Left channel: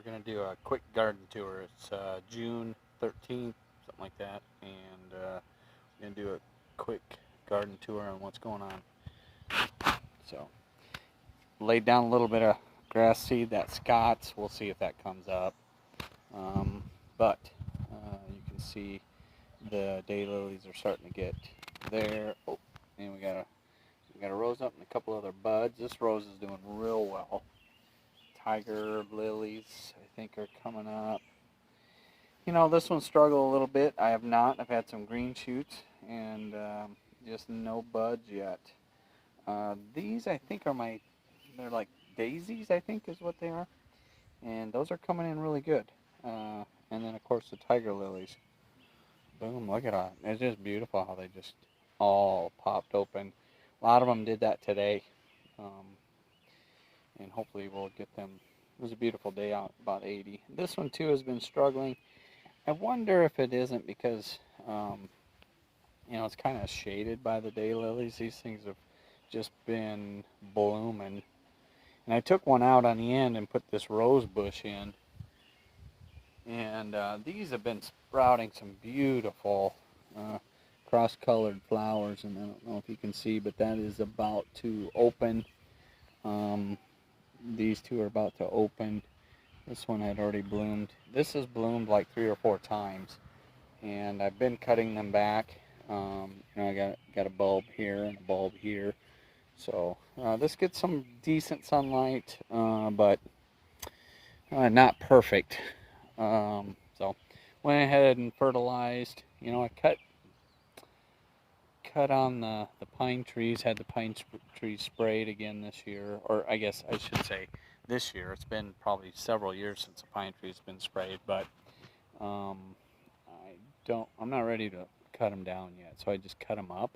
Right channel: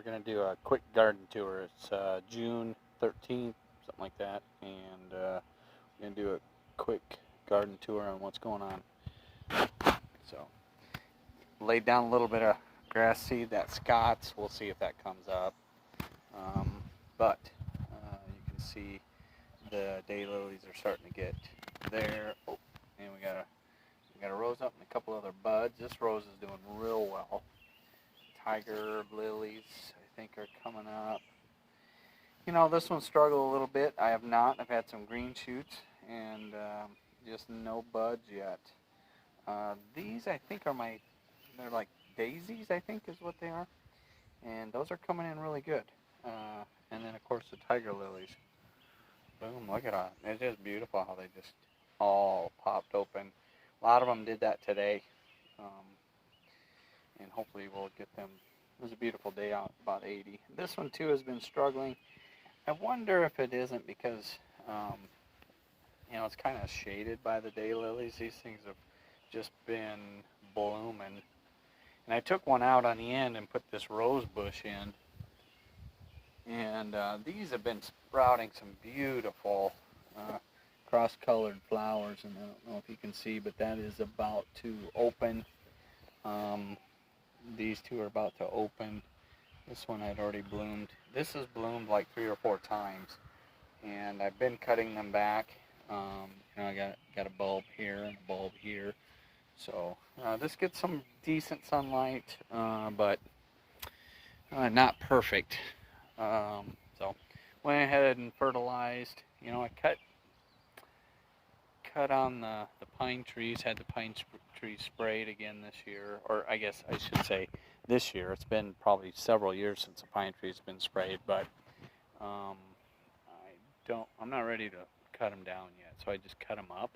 we're going to do a quick garden tour. It's June 13th, something like that, and we're going to do a quick garden tour on what's going on. So, laid down a little bit of grass seed, that Scott's. We'll see if that comes up. But you can see the daylilies are starting to get there. Oh, and we got a rose up and a couple other buds. This rose is doing real well. Tiger lilies, I think, are coming up. You know, this one struggled a little bit. I have not. I've had some green shoots and just no buds yet. These, I think, they're like daisies, I think is what they are. And those are coming in really good. And then, of course, the tiger lilies. Boom, look at that. It's just beautiful how they just all popped open. A lot of them did that today. And hopefully we'll get them. It was a beautiful day out, about 80. This one, too, has been struggling. I wonder if it isn't because, you know, it's kind of shaded by the daylilies. These things have just been blooming. And I took one out on the end and put this rose bush in. And these have been sprouting some beautiful cross-colored flowers. And I don't know if you can see, but that is about to open. These two are about to open. This one had already bloomed. This has bloomed like 3 or 4 times. And I've been cutting them back. You know, I got a bulb here and a bulb here. So this gets some decent sunlight, but not perfect. So went ahead and fertilized. You know, I cut on the pine trees, had the pine trees sprayed again this year, or I guess I should say this year. It's been probably several years since a pine tree's been sprayed, but I'm not ready to cut them down yet, so I just cut them up.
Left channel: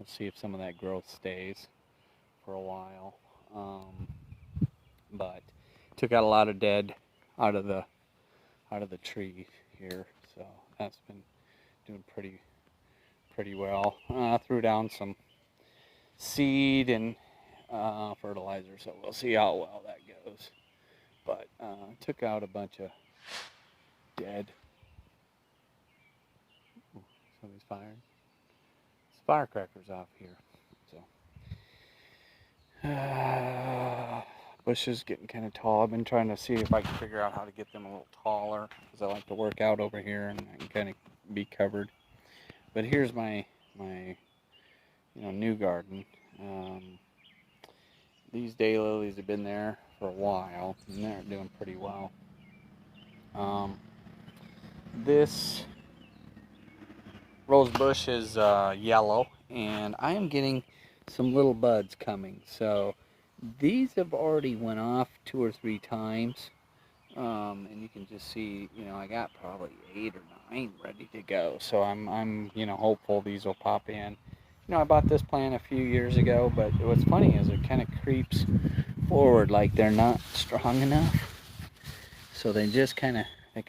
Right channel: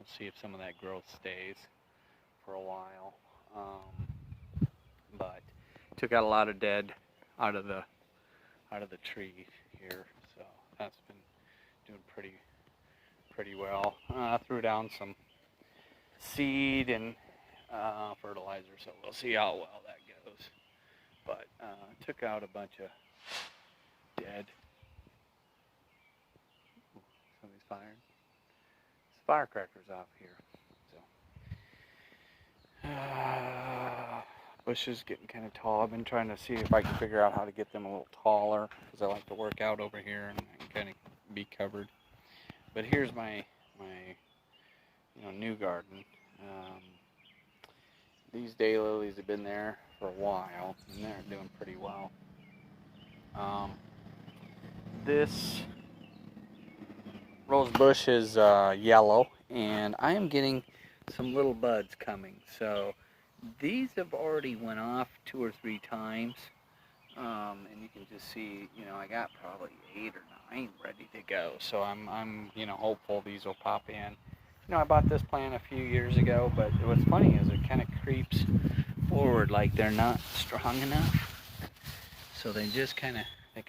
Let's see if some of that growth stays for a while. But took out a lot of dead out of the tree here, so that's been doing pretty well. Threw down some seed and fertilizer, so we'll see how well that goes. But took out a bunch of dead. Somebody's firing. It's firecrackers off here. So bush is getting kind of tall. I've been trying to see if I can figure out how to get them a little taller because I like to work out over here and I can kind of be covered. But here's my new garden. These daylilies have been there for a while and they're doing pretty well. This rose bush is yellow, and I am getting some little buds coming. So these have already went off 2 or 3 times, and you can just see, you know, I got probably 8 or 9 ready to go. So I'm you know, hopeful these will pop in. You know, I bought this plant a few years ago, but what's funny is it kind of creeps forward like they're not strong enough. So they just kind of lay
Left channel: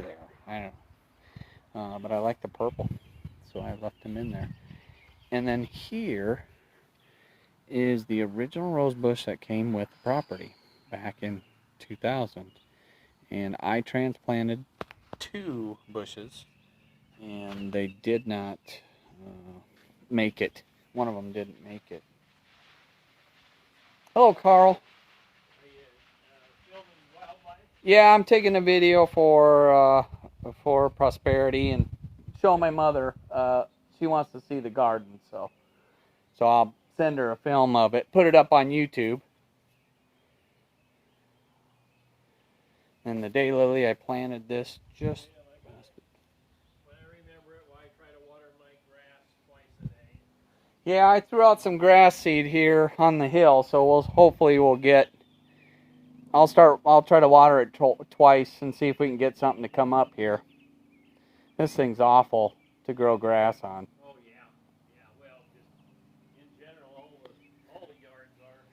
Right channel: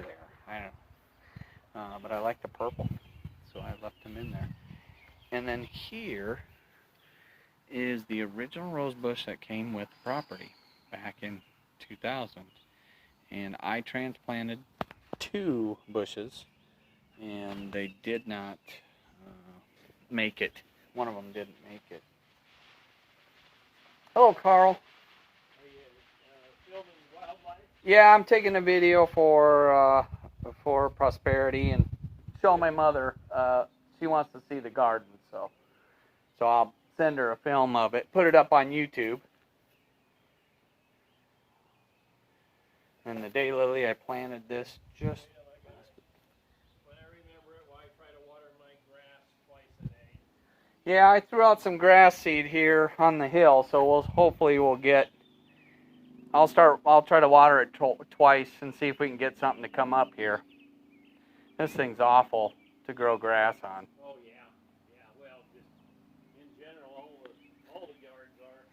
there. I don't know. But I like the purple, so I left them in there. And then here is the original rose bush that came with the property back in 2000. And I transplanted 2 bushes, and they did not make it. One of them didn't make it. Hello, Carl. Are you filming wildlife? Yeah, I'm taking a video for prosperity and show my mother. She wants to see the garden, so I'll send her a film of it, put it up on YouTube. And the daylily, I planted this just. When I remember it, I try to water my grass twice a day. Yeah, I threw out some grass seed here on the hill, so hopefully we'll get. I'll try to water it twice and see if we can get something to come up here. This thing's awful to grow grass on. Oh yeah, well, just in general, all the yards are.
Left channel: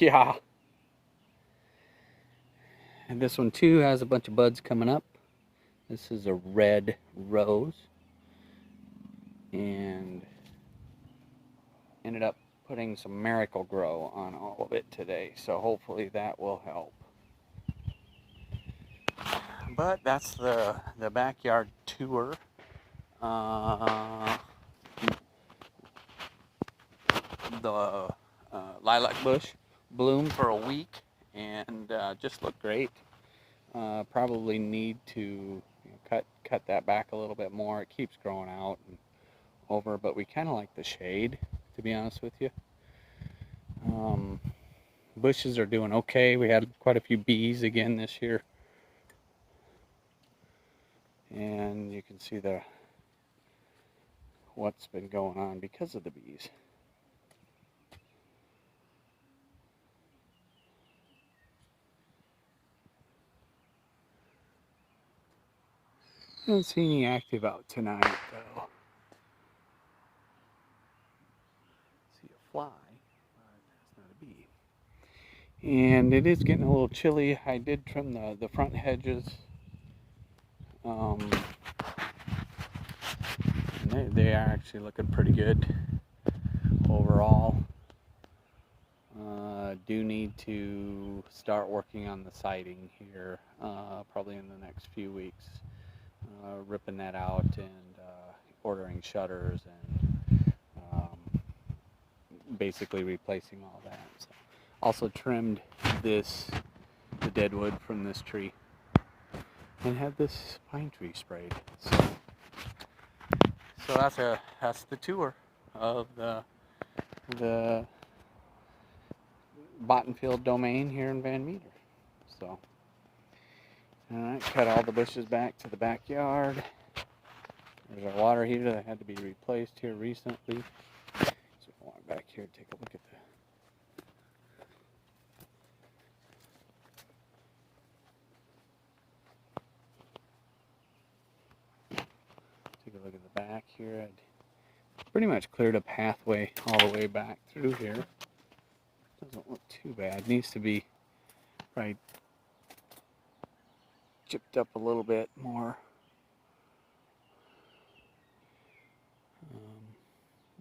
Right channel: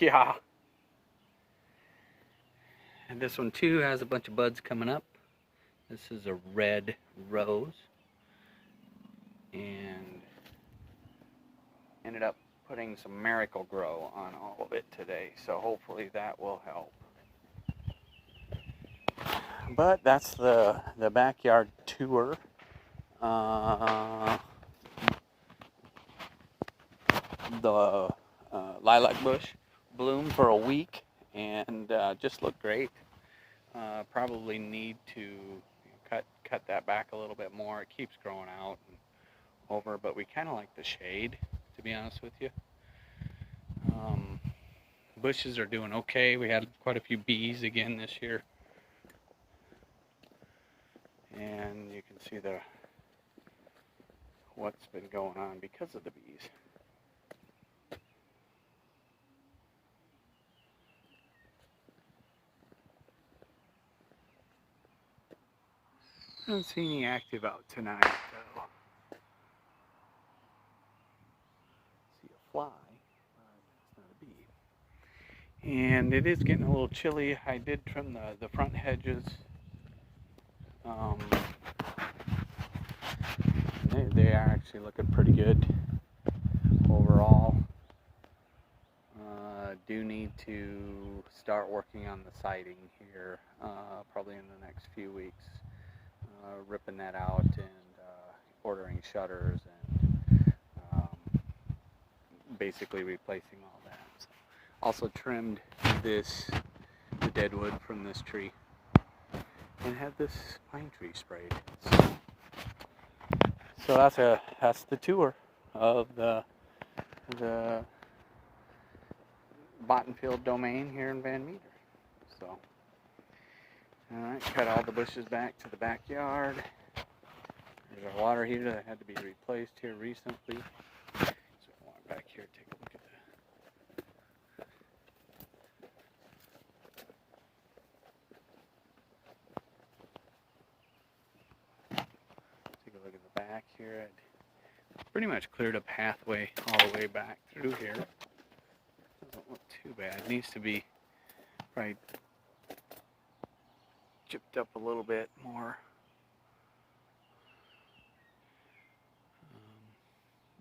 Yeah. And this one too has a bunch of buds coming up. This is a red rose. And ended up putting some Miracle-Gro on all of it today. So hopefully that will help. but that's the backyard tour. The lilac bush bloomed for a week and just looked great. Probably need to cut that back a little bit more. It keeps growing out and over, but we kind of like the shade, to be honest with you. Bushes are doing okay. We had quite a few bees again this year, and you can see what's been going on because of the bees. I don't see any active out tonight, though. See a fly, but that's not a bee. And it is getting a little chilly. I did trim the front hedges. They are actually looking pretty good overall. Do need to start working on the siding here, probably in the next few weeks. Ripping that out and ordering shutters and basically replacing all that. So, also trimmed the dead wood from this tree and had this pine tree sprayed. So that's the tour of the Bottenfield domain here in Van Meter. So, alright, cut all the bushes back to the backyard. There's our water heater that had to be replaced here recently. So I want back here to take a look at the back here. I'd pretty much cleared a pathway all the way back through here. Doesn't look too bad. Needs to be probably chipped up a little bit more.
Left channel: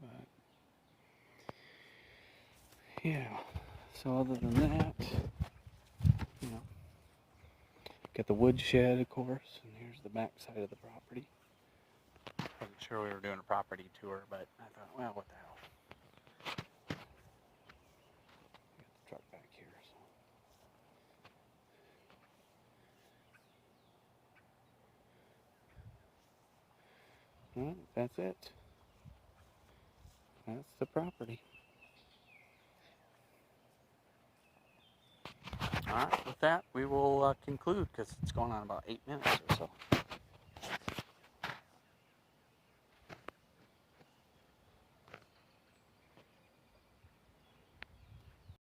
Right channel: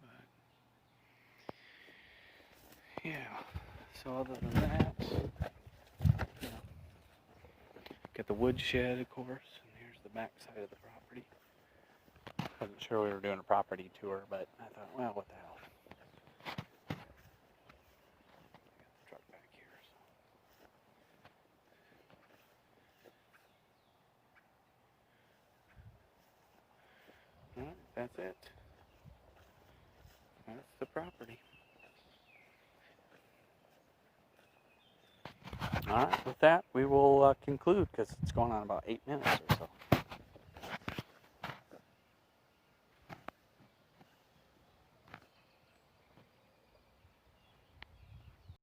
But yeah, so other than that, got the woodshed, of course, and here's the back side of the property. Wasn't sure we were doing a property tour, but I thought, well, what the hell. Truck back here. So. Alright, that's it. That's the property. Alright, with that, we will conclude because it's going on about 8 minutes or so.